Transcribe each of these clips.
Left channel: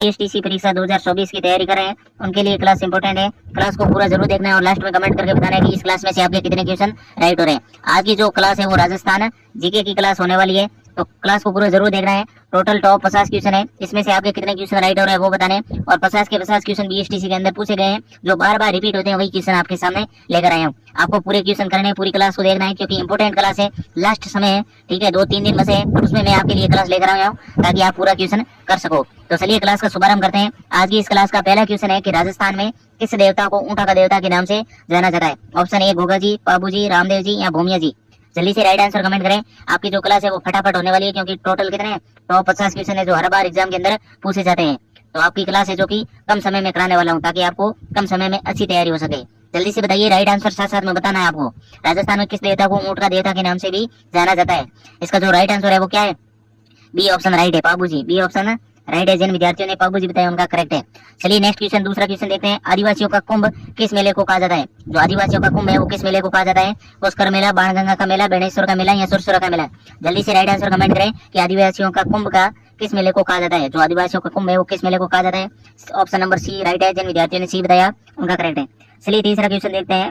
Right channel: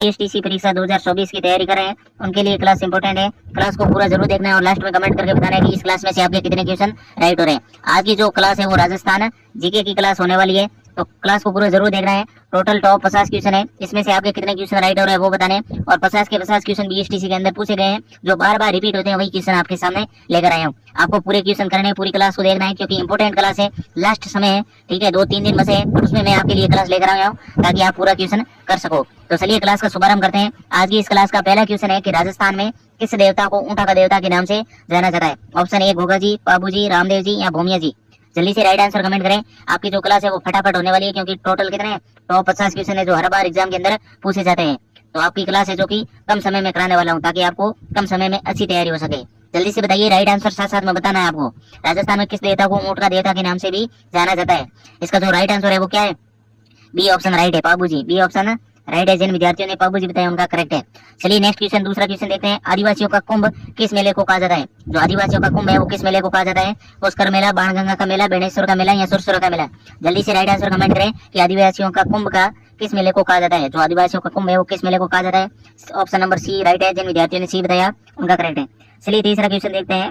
STC परीक्षा 2024 की तैयारी कर रहे हैं उनके लिए क्लास इंपॉर्टेंट है। क्लास को पूरा जरूर देखना है और लास्ट में कमेंट करके बताना है कि इस क्लास में से आपके कितने क्वेश्चन राइट हो रहे हैं। आज की जो क्लास है वो राजस्थान जीके की क्लास होने वाली है, तो क्लास को पूरा जरूर देखना है। टोटल टॉप 50 क्वेश्चन है, इसमें से आपके कितने क्वेश्चन राइट हो रहे हैं वो बताने, और 50 के 50 क्वेश्चन बीएसटीसी के अंदर पूछे गए हैं, जो बार बार रिपीट होते हैं वही क्वेश्चन आपके सामने लेकर आया हूँ। आपको पूरे क्वेश्चन करने हैं, पूरी क्लास को देखना है क्योंकि इंपॉर्टेंट क्लास है, लास्ट समय है, ठीक है, 2-3 दिन बचे हैं, उसमें मैं आपके लिए क्लास लेकर आया हूँ ताकि आप पूरा क्वेश्चन कर सको। तो चलिए क्लास का शुभारंभ करते हैं। आज की इस क्लास का पहला क्वेश्चन है कि राजस्थान में किस देवता को ऊंटा का देवता के नाम से जाना जाता है। ऑप्शन ए घोगा जी, पाबू जी, रामदेव जी या भूमिया जी। जल्दी से राइट आंसर कमेंट करें। आपकी जो क्लास है वो फटाफट होने वाली है क्योंकि टोटल कितने टॉप 50 क्वेश्चन है जो हर बार एग्जाम के अंदर पूछे जाते हैं। तो आपकी क्लास है जो कि कम समय में कराने वाला हूँ ताकि आपको कम समय में अच्छी तैयारी हो सके। जल्दी से बताइए राइट आंसर, साथ साथ में बताना है आपको। राजस्थान में किस देवता को ऊंट का देवता के नाम से भी जाना जाता है। इसका जो राइट आंसर है वो क्या है? बी ऑप्शन राइट है, पाबू जी। बी ऑप्शन राइट है। जिन विद्यार्थियों ने पाबू जी बताया उनका करेक्ट है। चलिए नेक्स्ट क्वेश्चन, दूसरा क्वेश्चन देखते हैं। आदिवासियों का कुंभ किस मेले को कहा जाता है? जो आदिवासियों का कुंभ है वो किस मेले को कहा जाता है? पुष्कर मेला, बाणगंगा का मेला, बेणेश्वर का मेला या सुरसुरा का मेला। जल्दी से राइट आंसर कमेंट करें कि आदिवासियों का कुंभ का किस मेले को कहा जाता है। जो आदिवासियों का कुंभ है वो किस मेले को कहा जाता है? ऑप्शन नंबर सी राइट है। जिन विद्यार्थियों ने सी बताया उनका करेक्ट है। चलिए तीसरा क्वेश्चन देखते हैं।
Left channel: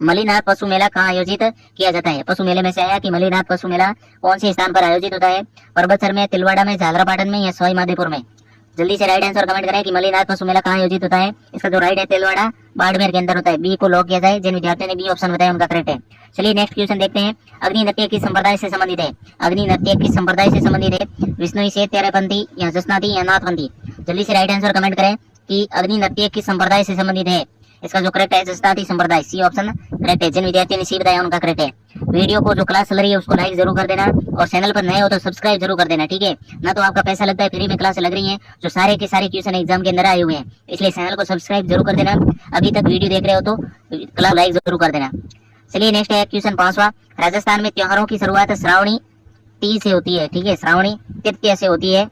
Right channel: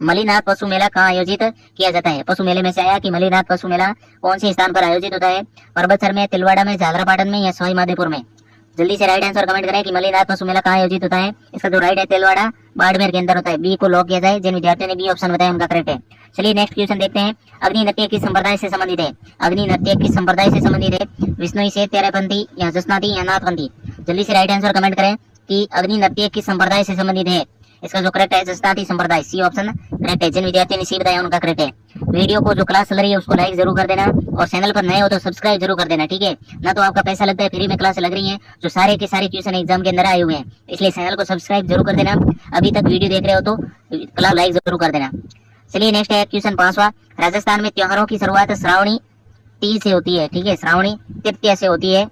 मलीनाथ पशु मेला कहाँ आयोजित किया जाता है? पशु मेले में से आया कि मलीनाथ पशु मेला कौन से स्थान पर आयोजित होता है? परबतसर में, तिलवाड़ा में, झालरापाटन में या सवाई माधोपुर में। जल्दी से राइट आंसर कमेंट करें कि मलीनाथ पशु मेला कहाँ आयोजित होता है। इसका जो राइट है तिलवाड़ा बाड़मेर के अंदर होता है। बी को लॉक किया जाए। जिन विद्यार्थियों ने बी ऑप्शन बताया उनका करेक्ट है। चलिए नेक्स्ट क्वेश्चन देखते हैं। अग्नि नृत्य किस संप्रदाय से संबंधित है? अग्नि नृत्य किस संप्रदाय से संबंधित है? विष्णुई से, तेरहपंथी या जसनाती या नाथपंथी। जल्दी से राइट आंसर कमेंट करें कि अग्नि नृत्य किस संप्रदाय से संबंधित है। इसका जो करेक्ट है जसनाती संप्रदाय। सी ऑप्शन करेक्ट है। जिन विद्यार्थियों ने सी बताया उनका करेक्ट है। वीडियो को जो क्लास चल रही है उसको लाइक जरूर कर देना और चैनल पर नए हो तो सब्सक्राइब जरूर कर देना, ठीक है ना। तो आपका पैसा लगता है, फ्री में क्लास लग रही है जो सारे के सारे क्वेश्चन एग्जाम के अंदर आए हुए हैं, इसलिए चैनल को सब्सक्राइब जरूर कर देना। अभी तक वीडियो देख रहे हो तो क्लास लाइक जरूर कर देना। चलिए नेक्स्ट है क्वेश्चन 5वां। राजस्थान में त्योहारों की शुरुआत श्रावणी तीज से होती है, ठीक है, श्रावणी तृतीया से होती है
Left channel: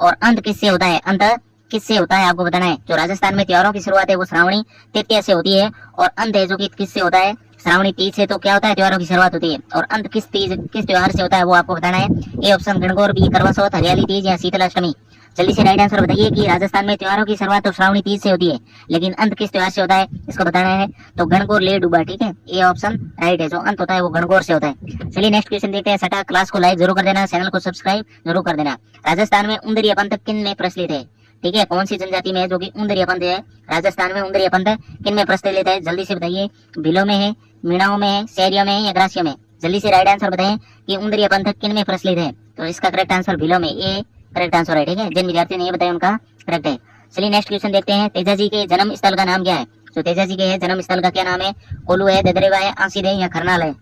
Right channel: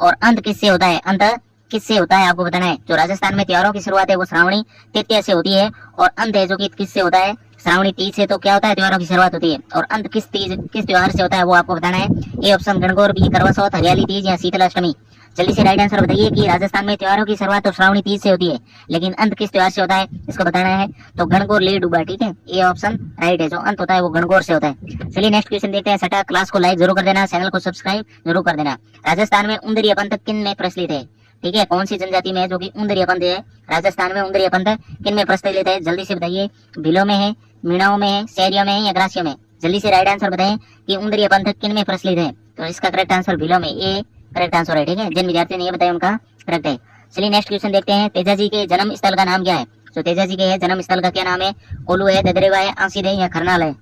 और अंत किससे होता है? अंत किससे होता है आपको बताना है। जो राजस्थान में त्योहारों की शुरुआत है वो श्रावणी तृतीया से होती है और अंत है जो कि किससे होता है? श्रावणी तीज से। तो क्या होता है? त्योहारों की शुरुआत होती है और अंत किस त्योहार से होता है वो आपको बताना है। ए ऑप्शन गणगौर, बी करवा चौथ, हरियाली तीज या शीतलाष्टमी। जल्दी से राइट आंसर बताइए कि राजस्थान में त्योहारों की शुरुआत तो श्रावणी तीज से होती है लेकिन अंत किस त्योहार से होता है, इसको बताना है। तो गणगौर ले डूबा, ठीक है, ए ऑप्शन राइट है। जो अंत होता है वो गणगौर से होता है। चलिए नेक्स्ट क्वेश्चन देखते हैं। सटा क्लास को लाइक जरूर कर देना, चैनल को सब्सक्राइब जरूर कर देना। राजस्थान में उंदरिया पंथ किन में प्रचलित है? ठीक है, कौन सी जनजाति में है जो कि उंदरिया पंथ है? राजस्थान में उंदरिया पंथ किन में प्रचलित है? जल्दी से बताइए। भीलों में है, मीणाओं में है, शहरियों में है या ग्रासियों में। जल्दी से राइट आंसर बताएं कि उंदरिया पंथ किन में प्रचलित है। तो इसका करेक्ट आंसर भीलों में, ए करेक्ट आंसर है, ठीक है। जिन विद्यार्थियों ने ये बताया उनका करेक्ट है। चलिए नेक्स्ट क्वेश्चन देखते हैं। तेजा जी के जन्म स्थल का नाम क्या है? जो तेजा जी के है जन्म स्थल का क्या नाम है? कोलू है, ददरेवा है, आंसीर है या खरनाल है।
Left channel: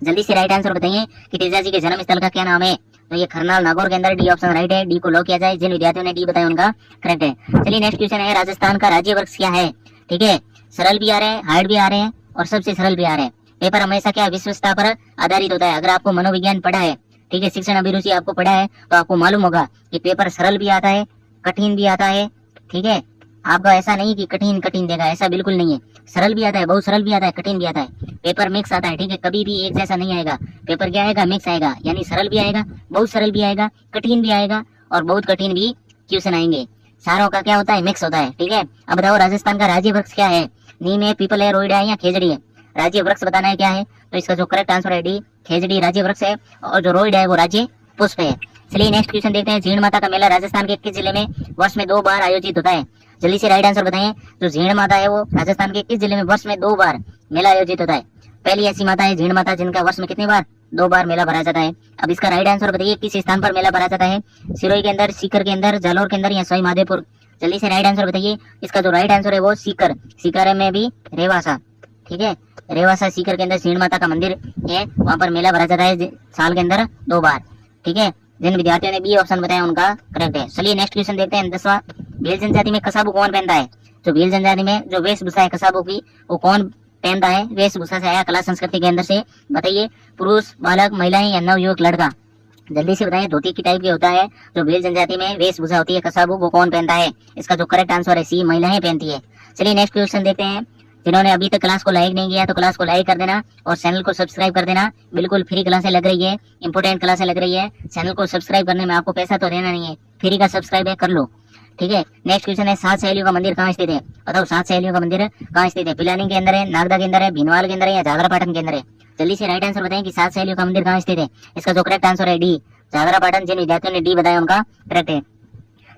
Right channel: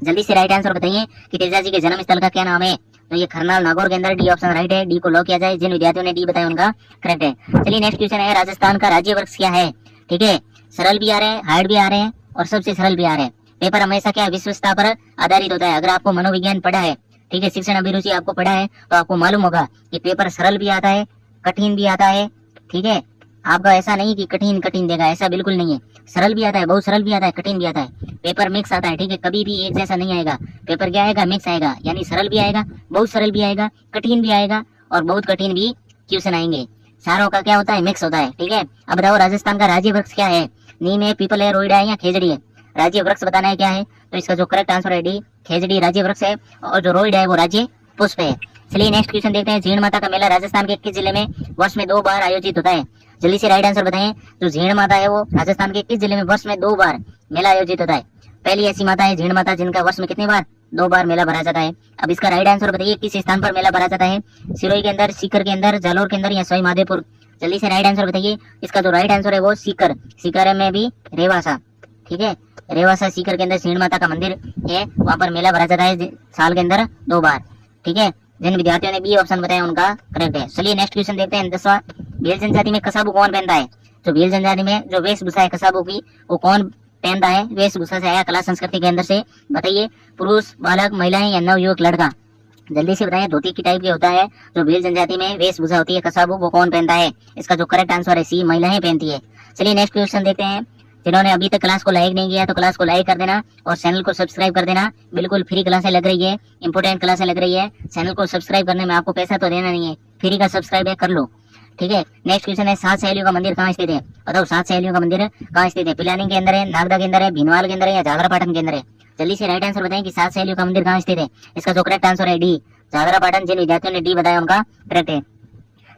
जल्दी से राइट आंसर बताइए कि तेजा जी के जन्म स्थल का क्या नाम है। तो ये खरनाल नागौर के अंदर, डी ऑप्शन राइट है। डी को लॉक किया जाए। जिन विद्यार्थियों ने डी बताया उनका करेक्ट है। चलिए नेक्स्ट क्वेश्चन है। राजस्थान का राज्य वृक्ष क्या है? ठीक है, सरल भी आ रहे हैं, हार्ड भी आ रहे हैं और सबसे सरल भी आ रहे हैं। पेपर हमेशा क्या विश्वसता पर आधारित होता है। अगर आपको मनोविज्ञान पढ़ा है, ठीक है, शिक्षण अभिरुचि आपको पढ़ा है तो आपको मालूम होगा कि पेपर सरल भी आता है, कठिन भी आता है, ठीक है। आपका ऐसा नहीं कि कठिन कठिन देगा, ऐसा बिल्कुल नहीं है। सरल भी आता है, बहुत सरल भी आता है, कठिन भी आता है। पेपर मिक्स आता है, ठीक है, कभी भी एक जैसा नहीं आएगा। पेपर क्या आएगा? मिक्स आएगा, यानी सरल भी आएगा, बहुत सरल भी आएगा, कठिन भी आएगा और बहुत कठिन भी क्वेश्चन आएंगे। सारों का क्या होता है? मिक्स होता है, ठीक है। अब बताओ राजस्थान का राज्य वृक्ष क्या है? नीम है, पीपल है, रोइडा है या खेजड़ी है। राज्य वृक्ष बताना है क्या है। तो इसका जो करेक्ट आंसर है डी, खेजड़ी राज्य वृक्ष है और जो रोइडा है वो राज्य पुष्प है। चलिए नेक्स्ट क्वेश्चन देखते हैं। झीण माता का मेला राजस्थान के किस जिले में वर्ष में 2 बार आयोजित होता है? जल्दी से राइट आंसर बताएं। जो झीण माता है वो राजस्थान के किस जिले में वर्ष में 2 बार मेला आयोजित होता है? पहली ऐसी माता है झीण माता जिनका वर्ष में कितनी बार? 2 बार मेला भरा जाता है। अब इसका राइट आंसर बताइए किस स्थान पर मेला भरा जाता है? सिरोही के अंदर, सीकर के अंदर, जालोर के अंदर या सवाई माधोपुर। जल्दी से राइट आंसर बताइए। इसका जो राइट आंसर है वो सीकर, सीकर में भी रेवासा, ठीक है, रेवासा सीकर के अंदर झीण माता का मंदिर है, वहां पर मेला भरा जाता है साल के अंदर 2 बार, ठीक है। जिन विद्यार्थियों ने बी ऑप्शन बताया उनका करेक्ट है। चलिए नेक्स्ट क्वेश्चन देखते हैं। 10वां। भील जनजाति में कसाबू कौन पहनता है? जो भील जनजाति में जो वेशभूषा है कसाबू की वो कौन पहनता है? वेशभूषा से आया कला संस्कृति के अंदर से, बताइए। पुरुष, बालक, महिलाएं या नवयुवक लड़का। जल्दी से बताइए। धोती की टाइप की होता है जो भील जनजाति में वेशभूषा होती है कसाबू, वो कौन पहनता है? इसका जो करेक्ट आंसर है सी, महिलाएं पहनती है। चलिए नेक्स्ट क्वेश्चन देखते हैं। जिन्होंने अभी तक क्लास को लाइक नहीं किया तो क्लास को लाइक कर देना और चैनल को सब्सक्राइब कर देना। बिल्कुल फ्री क्लासें लग रही है, इंपोर्टेंट क्लासें लग रही है। चैनल को सब्सक्राइब करने में आपको पैसा तो देना नहीं है, फ्री का सब्सक्राइब है, कर लो। ठीक है, नेक्स्ट क्वेश्चन है, 7 सहेलियों का मंदिर कहाँ स्थित है? बताओ 7 सहेलियों का मंदिर कहाँ स्थित है? पिलानी के अंदर है, नागदा के अंदर है, भीनवाल के अंदर है या जागरापाटन के अंदर है? जल्दी से राइट आंसर बताएं कि 7 सहेलियों का मंदिर कहाँ स्थित है। इसका जो करेक्ट आंसर है डी, जागरापाटन। जिन विद्यार्थियों ने डी बताया उनका करेक्ट है।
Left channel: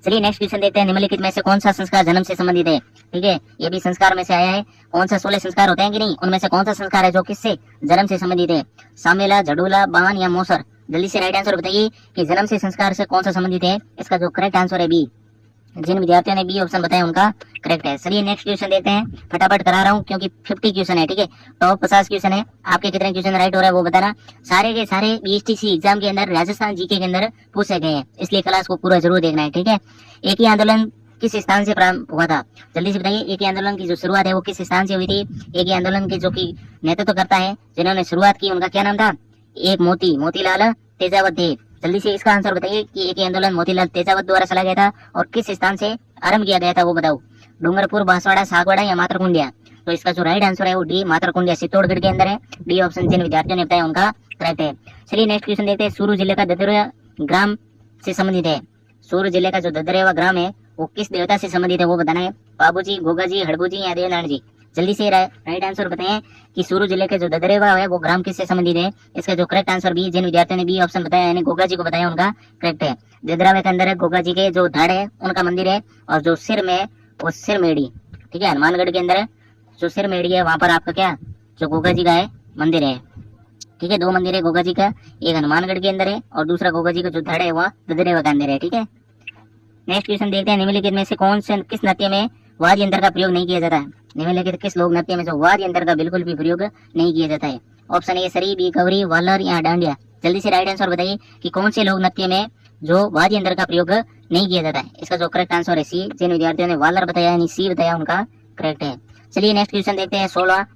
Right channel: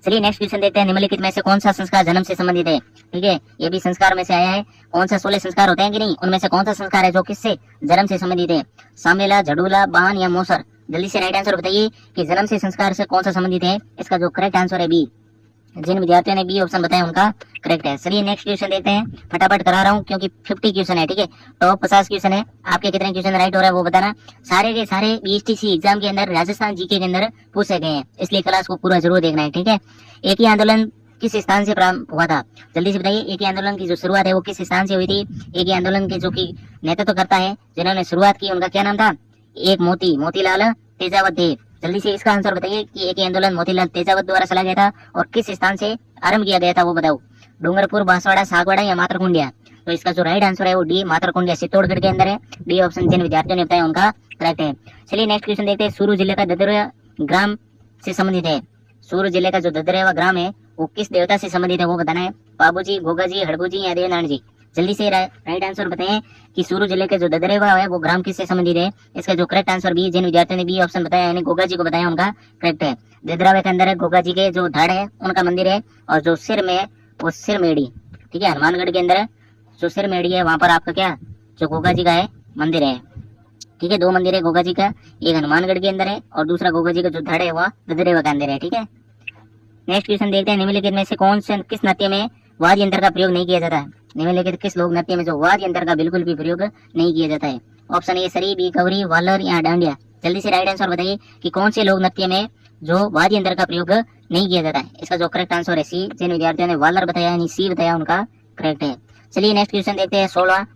चलिए नेक्स्ट क्वेश्चन देखते हैं, निम्नलिखित में से कौन सा संस्कार जन्म से संबंधित है? ठीक है, ये भी संस्कार में से आया है। कौन सा 16 संस्कार होते हैं कि नहीं, उनमें से कौन सा संस्कार है जो किससे जन्म से संबंधित है? सामेला, झडूला, बान या मोसर? जल्दी से राइट आंसर बताइए कि जन्म से संस्कार से कौन सा संबंधित है। इसका जो करेक्ट आंसर है बी। जिन विद्यार्थियों ने बी ऑप्शन बताया उनका करेक्ट है। चलिए नेक्स्ट क्वेश्चन देखते हैं, फटाफट करा रहा हूँ क्योंकि 50 क्वेश्चन है। ठीक है, टॉप 50 क्वेश्चन है, आपके कितने क्वेश्चन राइट हो रहा है वो बताना। सारे के सारे बीएसटीसी एग्जाम के अंदर राजस्थान जीके के अंदर पूछे गए हैं, इसलिए क्लास को पूरा जरूर देखना है। ठीक है, एक ही आंदोलन किस स्थान से प्रारंभ हुआ था? जल्दी से बताइए, एक ही आंदोलन की जो शुरुआत है वो किस स्थान से हुई थी? एक ही आंदोलन के जो की नेतृत्व करता है, जिन्होंने शुरुआत की, उनका क्या नाम था? एक मोतीलाल तेजावत थे। जल्दी से इसका आंसर बताइए कि एक ही आंदोलन मोतीलाल तेजावत द्वारा चला गया था और किस स्थान से आरंभ किया गया था वो बताओ। डूंगरपुर, बांसवाड़ा, सागवाड़ा या मातरकुंडिया? तो इसका जो राइट आंसर है वो डी, मातरकुंडिया, चित्तौड़गढ़ के अंदर है। डी ऑप्शन जिन विद्यार्थियों ने बताया उनका करेक्ट है। चलिए नेक्स्ट क्वेश्चन देखते हैं, सूरू जिले का ददरेवा ग्राम से संबंधित है। सूरू जिले का जो ददरेवा ग्राम है वो किस देवता से संबंधित है वो बताना है। बाबूजी, गोगाजी, हड़बूजी या देवनारायण जी? जल्दी से राइट आंसर बताएं कि सूरू जिले के जो ददरेवा है वो ग्राम किससे संबंधित है। इसका जो करेक्ट आंसर बी, जिन विद्यार्थियों ने बी ऑप्शन बताया यानी गोगा जी को बताया उनका करेक्ट है। ददरावा के अंदर गोगा जी के जो धड़ है उनका मंदिर है और जो सिर में वो सिरमेड़ी। ठीक है, हनुमानगढ़ के अंदर जो सिरमेड़ी है वहां पर आपका क्या जो गोगा जी का है मंदिर है। ठीक है, 2 मंदिर है गोगा जी का, एक हनुमानगढ़ के अंदर है और दूसरा गोगा जी का जो धड़ है वह ददरेवा के अंदर है। ठीक है, नेक्स्ट क्वेश्चन देखते हैं, निम्नलिखित में से कौन से किस नृत्य में वाद्य यंत्र का प्रयोग नहीं किया जाता है? निम्नलिखित किस लोक नृत्य में जो वाद्य यंत्र का बिल्कुल भी प्रयोग नहीं किया जाता है? ऑप्शन ए सरी, बी कवरी, वालर या डांडिया? जल्दी से राइट आंसर बताइए कि कौन से लोक नृत्य में जो वाद्य यंत्र का प्रयोग नहीं किया जाता है। इसका जो करेक्ट आंसर है सी। जिन विद्यार्थियों ने वालर बताया यानी सी बताया उनका करेक्ट है। चलिए नेक्स्ट क्वेश्चन देखते हैं, 16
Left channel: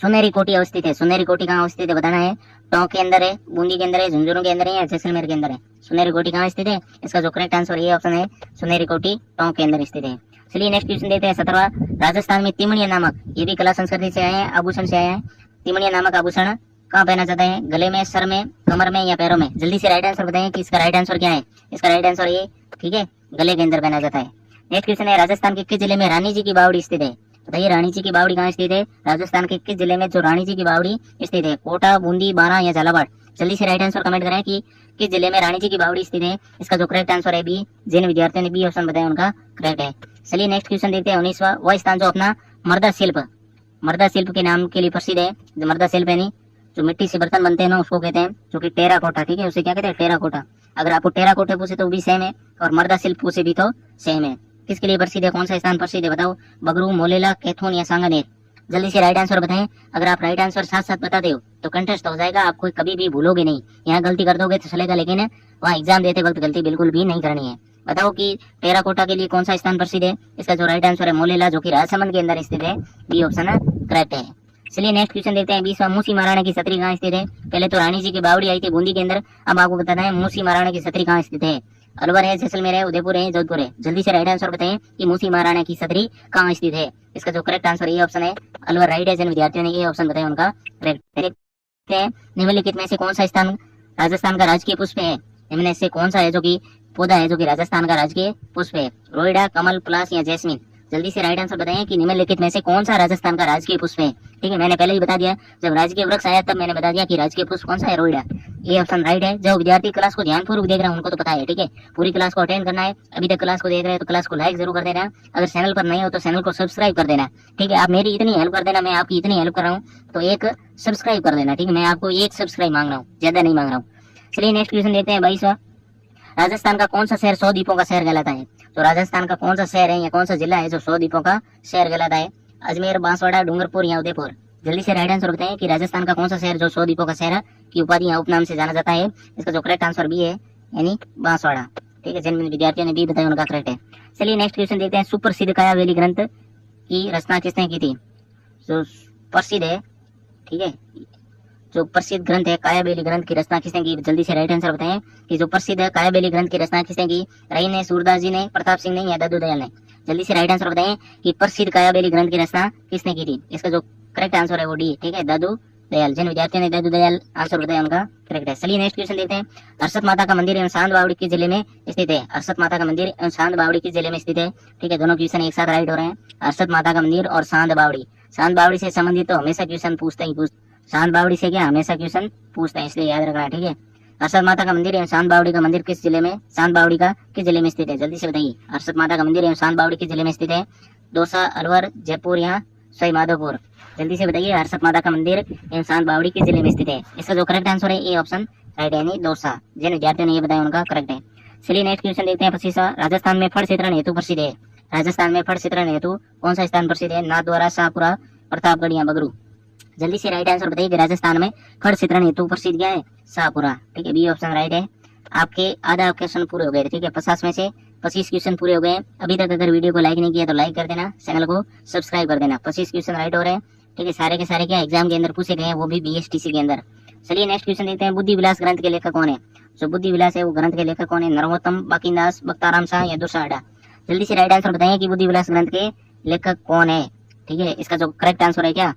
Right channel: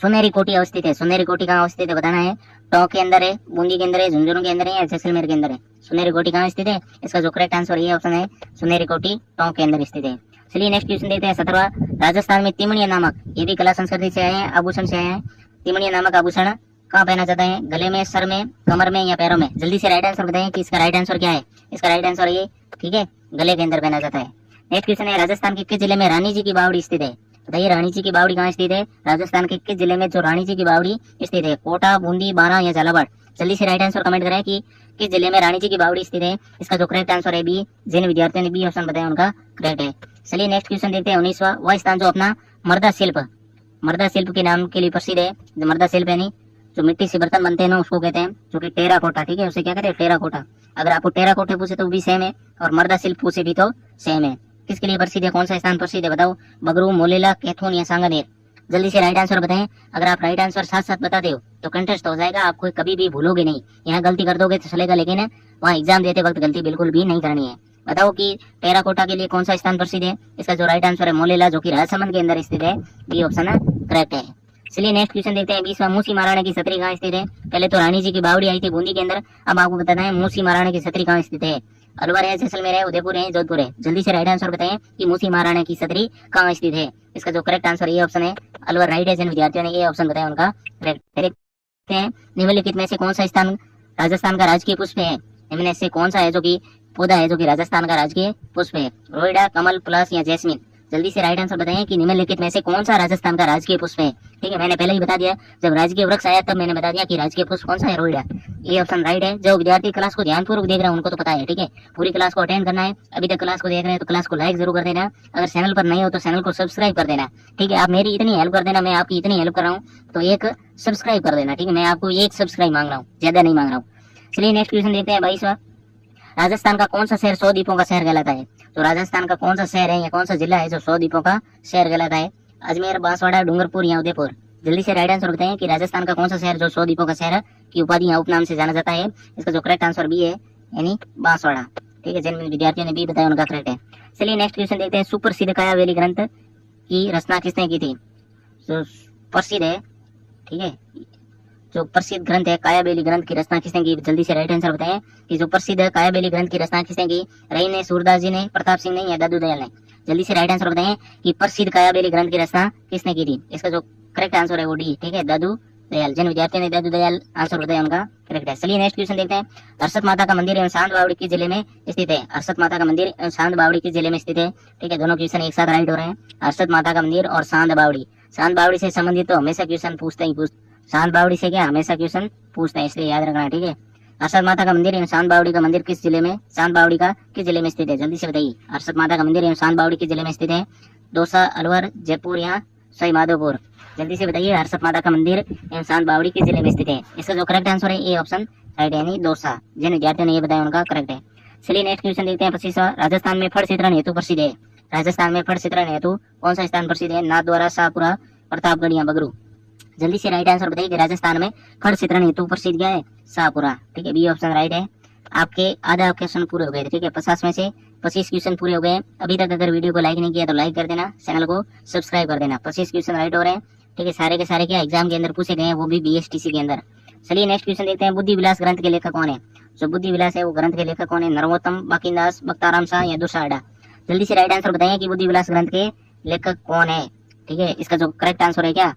सुनेरी कोटी अवस्थित है। सुनेरी कोटी कहाँ अवस्थित है बताना है। टोंक के अंदर है, बूंदी के अंदर है, झुंझुनू के अंदर है या जैसलमेर के अंदर है? सुनेरी कोटी कहाँ स्थित है? इसका जो करेक्ट आंसर ये ऑप्शन है, सुनेरी कोटी टोंक के अंदर स्थित है। चलिए नेक्स्ट क्वेश्चन देखते हैं, 17 राजस्थान में तिमणिया नामक, ये भी कला संस्कृति से आए हैं, आभूषण से आए हैं। तिमणिया नामक आभूषण कहाँ पहना जाता है? गले में, सर में, कमर में या पैरों में? जल्दी से राइट आंसर बताएं कि इसका राइट आंसर क्या है। इसका राइट आंसर ये, ठीक है, गले के अंदर पहना जाता है। नेक्स्ट क्वेश्चन है, राजस्थान के किस जिले में रानी जी की बावड़ी स्थित है? बताइए रानी जी की बावड़ी कहाँ स्थित है? राजस्थान के किस जिले में जो रानी जी की बावड़ी स्थित है? कोटा, बूंदी, बारां या झालावाड़? जल्दी से राइट आंसर कमेंट करें कि किस जिले में रानी जी की बावड़ी स्थित है। इसका जो करेक्ट आंसर है बी। जिन विद्यार्थियों ने बी ऑप्शन बताया उनका करेक्ट है। चलिए नेक्स्ट क्वेश्चन देखते हैं, 19वां वह स्थान जो अपना मर्दा शिल्प के नाम के लिए प्रसिद्ध है। जो मर्दा शिल्प है नहीं, जो मिट्टी से बर्तन बनते हैं ना उसको कहते हैं जो कि टेराकोटा। ठीक है, उसे क्या कहते हैं? टेराकोटा। अगर आपको टेराकोटे पूछे तो भी सेम है और मर्दा शिल्प पूछे भी तो सेम है। किसके लिए प्रसिद्ध है? कौन सा स्थान प्रसिद्ध है बताओ? बगरू, मोलेला, कैथोन या सांगानेर? जल्दी से राइट आंसर बताएं। अगर आप राइट आंसर साथ साथ बताते हो तो कंटेस्ट हो जाएगा, आप कोई कभी भी भूलोगे नहीं। यहाँ गलती कर दोगे तो चलेगा, लेकिन वहाँ एग्जाम देते वक्त गलती बिल्कुल भी नहीं करनी है। बताओ कि टेराकोटा के लिए कौन सा स्थान प्रसिद्ध है? इसका जो राइट आंसर है मोलेला, जो कि राजसमंद के अंदर स्थित है। बी ऑप्शन करेक्ट है। चलिए नेक्स्ट क्वेश्चन देखते हैं, 20वां मूसी महाराणा की छतरी कहाँ स्थित है? पहले तो रानी जी की बावड़ी आई थी बूंदी के अंदर, अब आपको बताना है मूसी महाराणा की छतरी कहाँ स्थित है। अलवर है, जैसलमेर है, उदयपुर है, जोधपुर है? जल्दी से राइट आंसर बताएं कि मूसी महाराणा की छतरी कहाँ स्थित है। इसका जो करेक्ट आंसर ये ऑप्शन है, अलवर राइट है। जिन विद्यार्थियों ने ये ऑप्शन बताया उनका करेक्ट है। निम्नलिखित में से कौन सा स्थान राजस्थान का राजकीय पुष्प है? इनमें से कौन सा है जो कि पौधा है जो कि राजस्थान का राजकीय पुष्प है? रोइडा, कमल, पलाश या जैस्मिन? जल्दी से राइट आंसर बताएं कि निम्नलिखित में से कौन सा राजस्थान का राजकीय पुष्प है। ठीक है, मैंने पहले ही बता दिया, जब राजकीय वृक्ष आया तब मैंने बता दिया कि राजकीय पुष्प कौन सा है, रोइडा। ये ऑप्शन राइट है। जो विद्यार्थी क्लास को ध्यानपूर्वक देख रहे हैं उनको तो पता है। ठीक है, पूरी क्लास को अटेंड करना है। अभी तक क्लास को देख रहे हैं तो क्लास को लाइक जरूर कर देना। अगर चैनल पर नहीं हो तो चैनल को सब्सक्राइब कर देना। ठीक है, आप मेरी इतनी हेल्प कर देना, मैं आपकी इतनी हेल्प कर रहा हूँ तो एक सब्सक्राइब कर देना। ठीक है, मैं आपको एक सब्सक्राइब मांग रहा हूँ, ज्यादा नहीं मांग रहा हूँ। चलिए नेक्स्ट क्वेश्चन देखते हैं, 22वां राजस्थान का कौन सा शहर 100 द्वीपों का शहर कहलाता है? तो राजस्थान का कौन सा शहर है या कौन सा जिला है जो 100 द्वीपों का शहर कहलाता है? अजमेर, बांसवाड़ा, डूंगरपुर या उदयपुर? जल्दी से राइट आंसर बताएं कि राजस्थान का कौन सा शहर जो 100 द्वीपों का शहर की उपाधि या उपनाम से जाना जाता है। इसका जो करेक्ट आंसर बी है यानी बांसवाड़ा। ठीक है, जिन विद्यार्थियों ने बी बताया उनका करेक्ट है। चलिए नेक्स्ट क्वेश्चन देखते हैं, सुप्रसिद्ध कायावेली ग्रंथ की रचना किसने की थी? जो प्रसिद्ध है, ठीक है, जो प्रसिद्ध ग्रंथ है कायाबेली ग्रंथ की रचना किसने की? जल्दी से राइट आंसर बताएं कि जो प्रसिद्ध कायाबेली ग्रंथ की रचना किसने की? रही ने, सूरदास जी ने, प्रताप सिंह ने या दादू दयाल ने? जल्दी से राइट आंसर बताएं कि प्रसिद्ध कायाबेली ग्रंथ की रचना किसने की थी। इसका जो करेक्ट आंसर है वो डी, ठीक है, दादू दयाल। जिन विद्यार्थियों ने दादू दयाल आंसर बताया उनका करेक्ट है। चलिए नेक्स्ट क्वेश्चन देखते हैं। हर्षद माता का मंदिर एवं सांद बावड़ी किस जिले में स्थित है। हर्षद माता का मंदिर एवं सांद बावड़ी किस जिले में स्थित है, ठीक है, दोनों क्वेश्चन एक साथ राइट हो रहे हैं। हर्षद माता का मंदिर और सांद बावड़ी, सांद बावड़ी से संबंधित तो हमेशा क्वेश्चन पूछते ही सांद बावड़ी से क्या हमेशा क्वेश्चन पूछते हैं, इसलिए याद रखना, ठीक है। हर्षद माता का मंदिर एवं सांद बावड़ी का मंदिर किस जिले में, सांद बावड़ी का किस जिले में स्थित है, जल्दी से बताइए। हर्षद माता का मंदिर एवं सांद बावड़ी किस जिले में स्थित है, दौसा, अलवर, जयपुर या सवाई माधोपुर, जल्दी से बताइए। हर्षद माता का मंदिर एवं सांद बावड़ी किस जिले में स्थित है। इसका जो करेक्ट आंसर है ए ऑप्शन राइट है, यानी दौसा। जिन विद्यार्थियों ने ये बताया उनका करेक्ट है। चलिए नेक्स्ट क्वेश्चन देखते हैं। 25वां, राजस्थान में फड़ चित्रण हेतु प्रसिद्ध है। राजस्थान में फड़ चित्रण हेतु कौन सा स्थान प्रसिद्ध है, नाथद्वारा, शाहपुरा, प्रतापगढ़ या बगरू, जल्दी से राइट आंसर बताइए कि राजस्थान में फड़ चित्रण हेतु प्रसिद्ध क्या है, शाहपुरा, ठीक है, बी ऑप्शन राइट है। आपके आधा क्वेश्चन पूरे हो गए, ठीक है, 50 में से 25 क्वेश्चन पूरे हो गए। अभी तक अगर वीडियो को लाइक नहीं किया तो लाइक कर देना, चैनल को सब्सक्राइब कर देना। 25 क्वेश्चन राइट हो रहे हैं, ठीक है, सारे के सारे क्या एग्जाम के अंदर पूछे गए हैं, वो भी BSTC के अंदर। चलिए नेक्स्ट क्वेश्चन देखते हैं। बुद्धि विलास ग्रंथ के लेखक कौन है। जो बुद्धि विलास है वो ग्रंथ के लेखक कौन है, नरोत्तम, बाकीदास, बख्ताराम शाह या दुर्साडा, जल्दी से राइट आंसर बताइए कि बुद्धि विलास ग्रंथ के लेखक कौन है, ठीक है। इसका जो करेक्ट आंसर है क्या,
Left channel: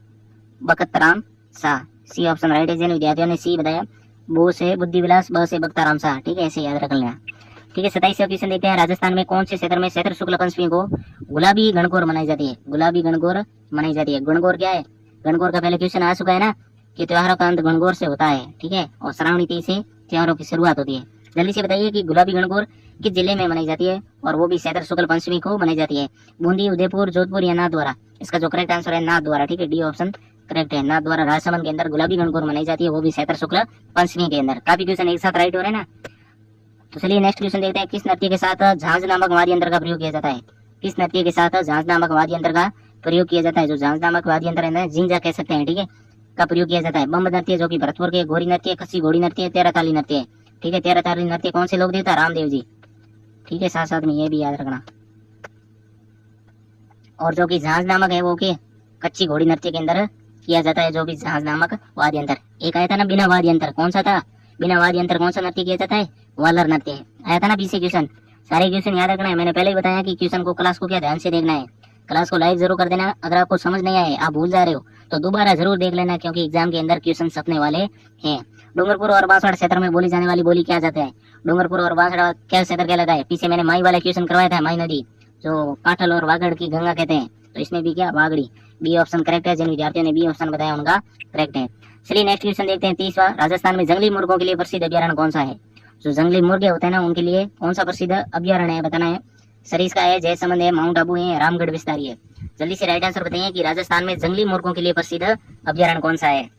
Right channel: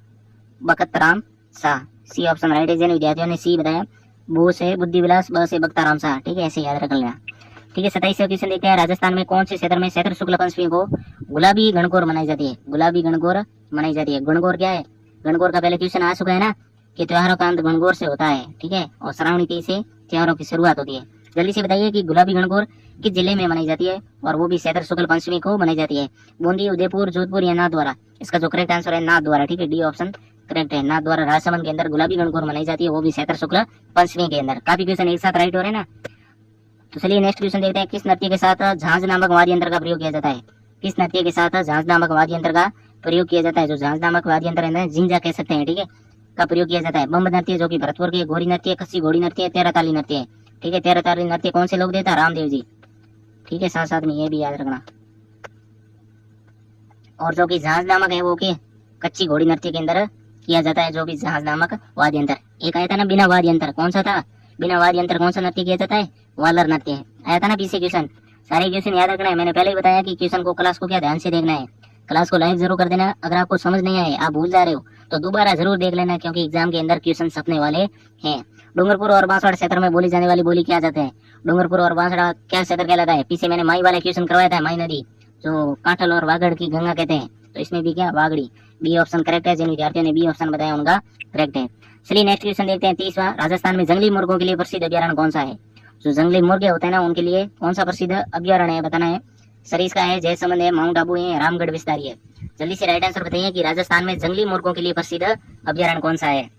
बख्ताराम शाह, सी ऑप्शन राइट है। जिन विद्यार्थियों ने सी बताया, बू से बुद्धि विलास, ब से बख्ताराम शाह, ठीक है, ऐसे याद रख लेना, ठीक है। 27वां क्वेश्चन देखते हैं। राजस्थान में कौन से क्षेत्र में चैत्र शुक्ल पंचमी को गुलाबी गणगौर मनाई जाती है, गुलाबी गणगौर मनाई जाती है। गणगौर क्या है, गणगौर का पहले क्वेश्चन आ चुका है ना कि त्योहारों का अंत गणगौर से होता है, ठीक है, और श्रावणी तीज से त्योहारों की शुरुआत होती है। जल्दी से बताइए कि गुलाबी गणगौर किस जिले में मनाई जाती है, और वो भी चैत्र शुक्ल पंचमी को मनाई जाती है, बूंदी, उदयपुर, जोधपुर या नाथद्वारा। इसका जो करेक्ट आंसर है नाथद्वारा, ठीक है, डी ऑप्शन करेक्ट है। नाथद्वारा राजसमंद के अंदर गुलाबी गणगौर मनाई जाती है, वो भी चैत्र शुक्ल पंचमी के अंदर। काफी क्वेश्चन एक साथ राइट हो रहे हैं ना। तो चलिए नेक्स्ट क्वेश्चन देखते हैं। किस नृत्य के साथ झांझ नामक वाद्य यंत्र का प्रयोग किया जाता है। किस नृत्य के साथ झांझ नामक वाद्य यंत्र का प्रयोग किया जाता है। जो झांझ नामक वाद्य यंत्र है, जिंजा कह सकते हैं, ठीक है, का प्रयोग किया जाता है। बम्ब नृत्य जो कि भरतपुर के, गोरी नृत्य, कच्ची घोड़ी नृत्य, तेरह ताली नृत्य, ठीक है, तेरह ताली नृत्य कौन से लोग देता है, रामदेव जी, ठीक है, साथ साथ में ये भी याद रखना। और जो कि झांझ नामक है वो के कच्ची घोड़ी नृत्य के अंदर किया जाता है, जो भी झांझ नामक वाद्य यंत्र। एक आया था ना बिना वाद्य यंत्र, कौन सा था, बिना वाद्य यंत्र कौन सा नृत्य किया जाता है, वालर नृत्य है, आया था ना पीछे क्वेश्चन। सारे क्वेश्चन याद रखना है, मैंने पहले ही बताया कि क्वेश्चन को, क्लास को क्या ध्यान से देखना है, क्लास को लाइक जरूर कर देना। अगर आपको समझ नहीं आए, आप भूल जा रहे हो, तो दोबारा जरूर देख लेना, क्योंकि एग्जाम के अंदर क्वेश्चन छपने वाले हैं। डूंगरपुर और बांसवाड़ा क्षेत्र में बोली जाने वाली बोली क्या जाता है। डूंगरपुर और बांसवाड़ा क्या क्षेत्र कहलाता है। पीछे मैंने माई वाला क्वेश्चन करवाया था, माई नदी जो काठल और वागड़ की गंगा कहते हैं, तो इसमें भी क्या, वागड़ी, बी ऑप्शन करेक्ट है। जिन विद्यार्थियों ने बी ऑप्शन बताया उनका करेक्ट है। चलिए नेक्स्ट क्वेश्चन देखते हैं। 30वां, राजस्थान में जंगली मुर्गों के लिए प्रसिद्ध अभ्यारण्य कौन सा है। जो जंगली मुर्गे होते हैं ना, उनके लिए कौन सा प्रसिद्ध अभ्यारण्य है, बताना है। सरिस्का है, जयसमंद है, माउंट आबू है, रामगढ़ विस्तारी है, जल्दी से राइट आंसर बताइए कि राजस्थान में जंगली मुर्गों के लिए प्रसिद्ध अभ्यारण्य कौन सा है।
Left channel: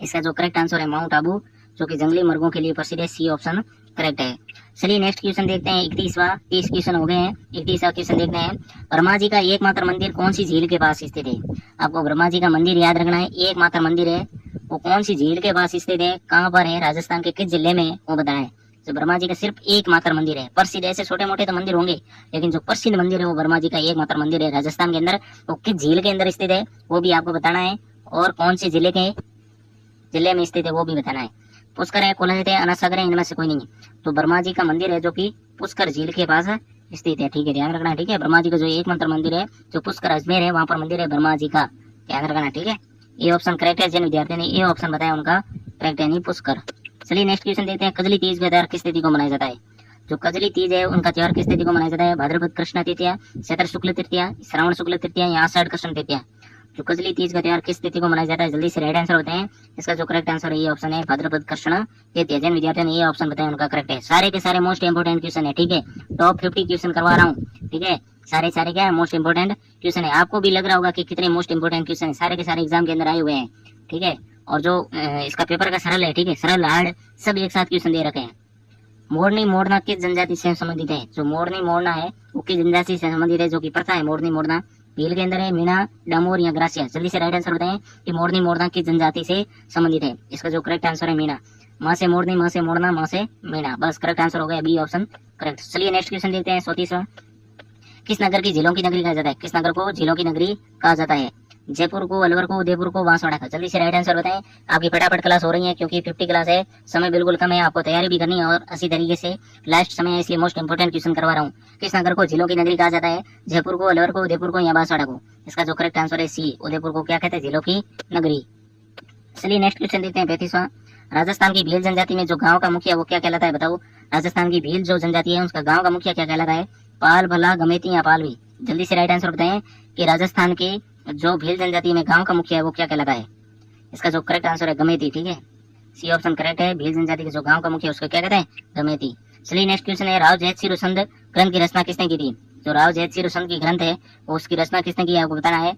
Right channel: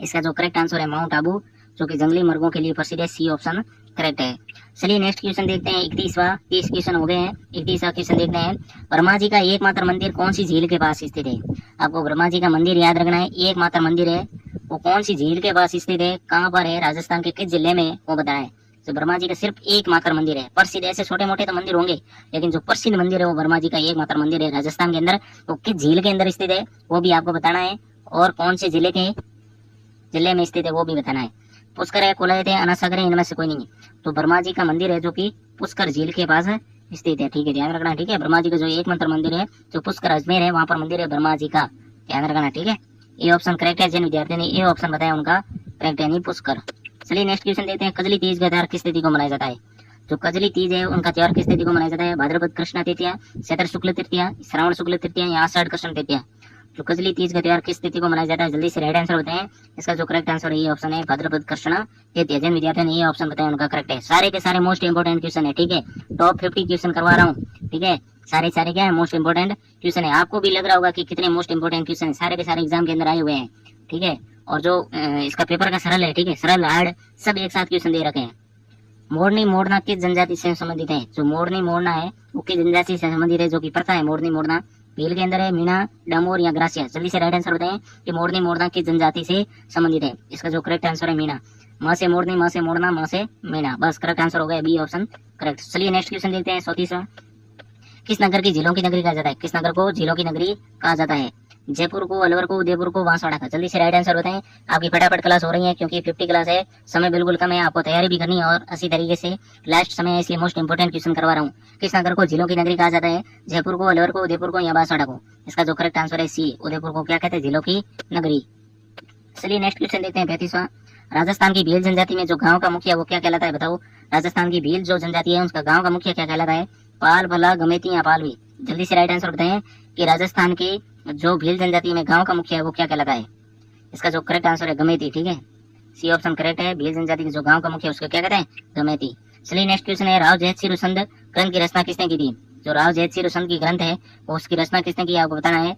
इसका जो करेक्ट आंसर है माउंट आबू, जो कि जंगली मुर्गों के लिए प्रसिद्ध है, सी ऑप्शन करेक्ट है। चलिए नेक्स्ट क्वेश्चन देखते हैं। 31वां, 30 क्वेश्चन हो गए हैं, 31वां क्वेश्चन देखते हैं। ब्रह्मा जी का एकमात्र मंदिर कौन सी झील के पास स्थित है। आपको ब्रह्मा जी का मंदिर याद रखना है, एकमात्र मंदिर है, वो कौन सी झील के पास स्थित है, कहाँ पर है, राजस्थान के किस जिले में, वो बताएं। तो ब्रह्मा जी का सिर्फ एकमात्र मंदिर है। प्रसिद्ध ऐसे छोटे मोटे तो मंदिर होंगे, लेकिन जो प्रसिद्ध मंदिर है वो ब्रह्मा जी का एकमात्र मंदिर है राजस्थान के अंदर। वो किस झील के अंदर स्थित है वो भी आपको बताना है, और कौन से जिले में स्थित है वो भी बताना है। पुष्कर है, कुलयत है, अनासागर है, इनमें से कोई नहीं है। तो ब्रह्मा जी का मंदिर है जो कि पुष्कर झील के पास स्थित है, ठीक है, ध्यान रखना, ठीक है। ब्रह्मा जी का जो एकमात्र मंदिर है जो पुष्कर अजमेर है, वहाँ पर मंदिर है ब्रह्मा जी का, ध्यान रखना, ठीक है। ये ऑप्शन करेक्ट है। जिन विद्यार्थियों ने ये ऑप्शन बताया उनका करेक्ट है, नहीं पुष्कर। चलिए नेक्स्ट क्वेश्चन देखते हैं। कजली तीज का त्योहार किस तिथि को मनाया जाता है। जो कजली तीज है उनका त्योहार किस तिथि को मनाया जाता है। भाद्रपद कृष्ण तृतीया, चैत्र शुक्ल तृतीया, श्रावण शुक्ल तृतीया या आषाढ़ कृष्ण तृतीया। जो कजली तीज का त्योहार किस तिथि को मनाया जाता है, जल्दी से राइट आंसर बताएं। इसका जो करेक्ट आंसर है ये ऑप्शन है भाद्रपद कृष्ण तृतीया। जिन विद्यार्थियों ने ये ऑप्शन बताया उनका करेक्ट है। सारे के सारे मोस्ट इंपोर्टेंट क्वेश्चन है, ठीक है, टॉप 50 क्वेश्चन करवा रहा हूँ, ठीक है, सारे क्या है, मोस्ट इंपोर्टेंट क्वेश्चन है। आपको भी लग रहा होगा कि कितने मोस्ट इंपोर्टेंट क्वेश्चन है, सारे के सारे एग्जाम के अंदर आए हुए हैं, ठीक है। और जो इसका पेपर का सरल है, ठीक है, सरल हार्ड सब एक साथ क्वेश्चन दे रखे हैं। मोरनी मोड़ना किस जनजाति से संबंधित है। जो मोरनी मोड़ना है वो किस जनजाति से संबंधित है, जो कि पता है मोरनी मोड़ना भील के अंदर है, मीणा, डामोर या ग्रासिया। जल्दी से राइट आंसर बताएं कि मोरनी मोड़ना किस जनजाति से संबंधित है। इसका जो करेक्ट आंसर है मीणा। माँ से मोरनी, माँ से मोड़ना, माँ से मीणा, बस करेक्ट आंसर हो गया, बी ऑप्शन करेक्ट। चलिए नेक्स्ट क्वेश्चन देखते हैं। 34वां, किस नगर की झीलों की नगरी कहा जाता है। किस नगर को झीलों की नगरी कहा जाता है। जयपुर को, अलवर को, उदयपुर को, बांसवाड़ा का। जल्दी से राइट आंसर बताएं। आपकी फटाफट क्लास हो रही है क्योंकि 50 क्लास है, समय बिल्कुल कम है, आपको तैयारी भी करनी है और अच्छी तरीके से लास्ट समय है, इसलिए मोस्ट इंपोर्टेंट क्वेश्चन करवा रहा हूँ। किस नगर को झीलों की नगरी कहा जाता है? जयपुर को, अलवर को, उदयपुर को या बांसवाड़ा को? इसका जो करेक्ट आंसर है सी, उदयपुर को क्या कहते हैं? झीलों की नगरी। चलिए नेक्स्ट क्वेश्चन देखते हैं 35वां। राजस्थान की भील जनजाति में जो गांव का मुखिया वो क्या कहलाता है? बताओ। राजस्थान की भील जो जनजाति है उसका गांव का मुखिया क्या कहलाता है? पाल, भला, गमेती या पालवी? जल्दी से राइट आंसर बताएं कि राजस्थान की जो भील जनजाति में गांव का मुखिया है वो क्या कहलाता है? इसका जो करेक्ट आंसर है गमेती। ठीक है, सी ऑप्शन करेक्ट है। भील जनजाति के जो गांव का मुखिया उसको क्या कहते हैं? गमेती। चलिए नेक्स्ट क्वेश्चन है, राव जयत सिंह रुसंद ग्रंथ की रचना किसने की थी? जो राव जयत सिंह रुसंद की ग्रंथ है वो उसकी रचना किसने की आपको बताना है।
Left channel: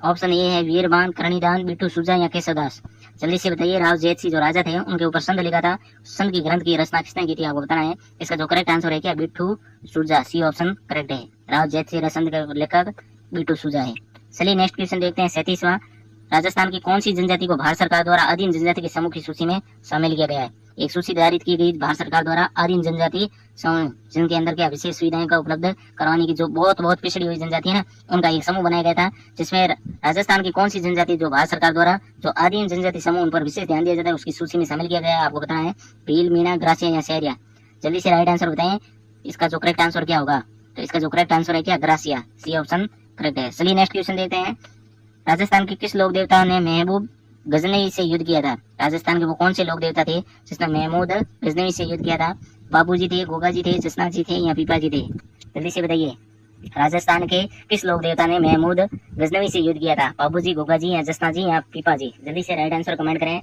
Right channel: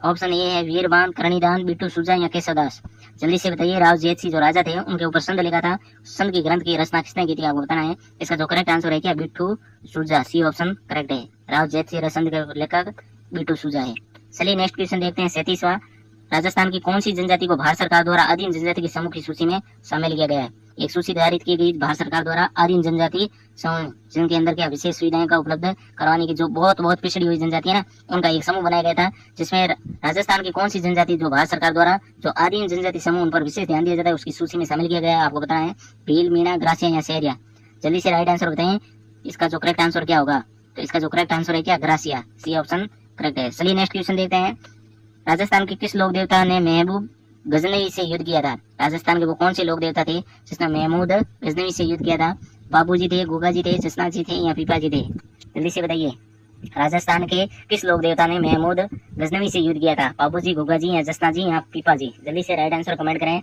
ऑप्शन ए है वीरबान, करणीदान, बिट्टू सूजा या केशवदास? जल्दी से बताइए। राव जयत सिंह जो राजा थे उनके ऊपर संध लिखा था, संध की ग्रंथ की रचना किसने की थी आपको बताना है। इसका जो करेक्ट आंसर है क्या? बिट्टू सूजा। सी ऑप्शन करेक्ट है। राव जयत सिंह रसंध के लेखक बिट्टू सूजा है। चलिए नेक्स्ट क्वेश्चन देखते हैं 37वां। राजस्थान की कौन सी जनजाति को भारत सरकार द्वारा आदिम जनजाति के समूह की सूची में शामिल किया गया है? एक सूची निर्धारित की गई भारत सरकार द्वारा आदिम जनजाति समूह, जिनके अंदर क्या विशेष सुविधाएं का उपलब्ध करवाने की, जो बहुत पिछड़ी हुई जनजाति है ना, उनका एक समूह बनाया गया था, जिसमें राजस्थान की कौन सी जनजाति जो भारत सरकार द्वारा जो आदिम जनजाति समूह उन पर विशेष ध्यान दिया जाता है उसकी सूची में शामिल किया गया है आपको बताना है। भील, मीणा, ग्रासिया या सहरिया? जल्दी से राइट आंसर बताएं। इसका जो करेक्ट आंसर क्या होगा? तो इसका जो करेक्ट आंसर है क्या? ग्रासिया। सी ऑप्शन करेक्ट है। चलिए नेक्स्ट क्वेश्चन देखते हैं। राजस्थान के किस लोक देवता ने महबूब गजनवी से युद्ध किया था? राजस्थान के वो कौन से लोक देवता थे जिसने महमूद गजनवी से युद्ध किया था? बाबू जी थे, गोगा जी थे, जसना जी थे या पीपा जी थे? जल्दी से बताइए। राजस्थान के किस लोक देवता ने महमूद गजनवी से युद्ध किया था? बाबू जी, गोगा जी या जसना जी या पीपा जी? जल्दी से राइट आंसर कमेंट करें।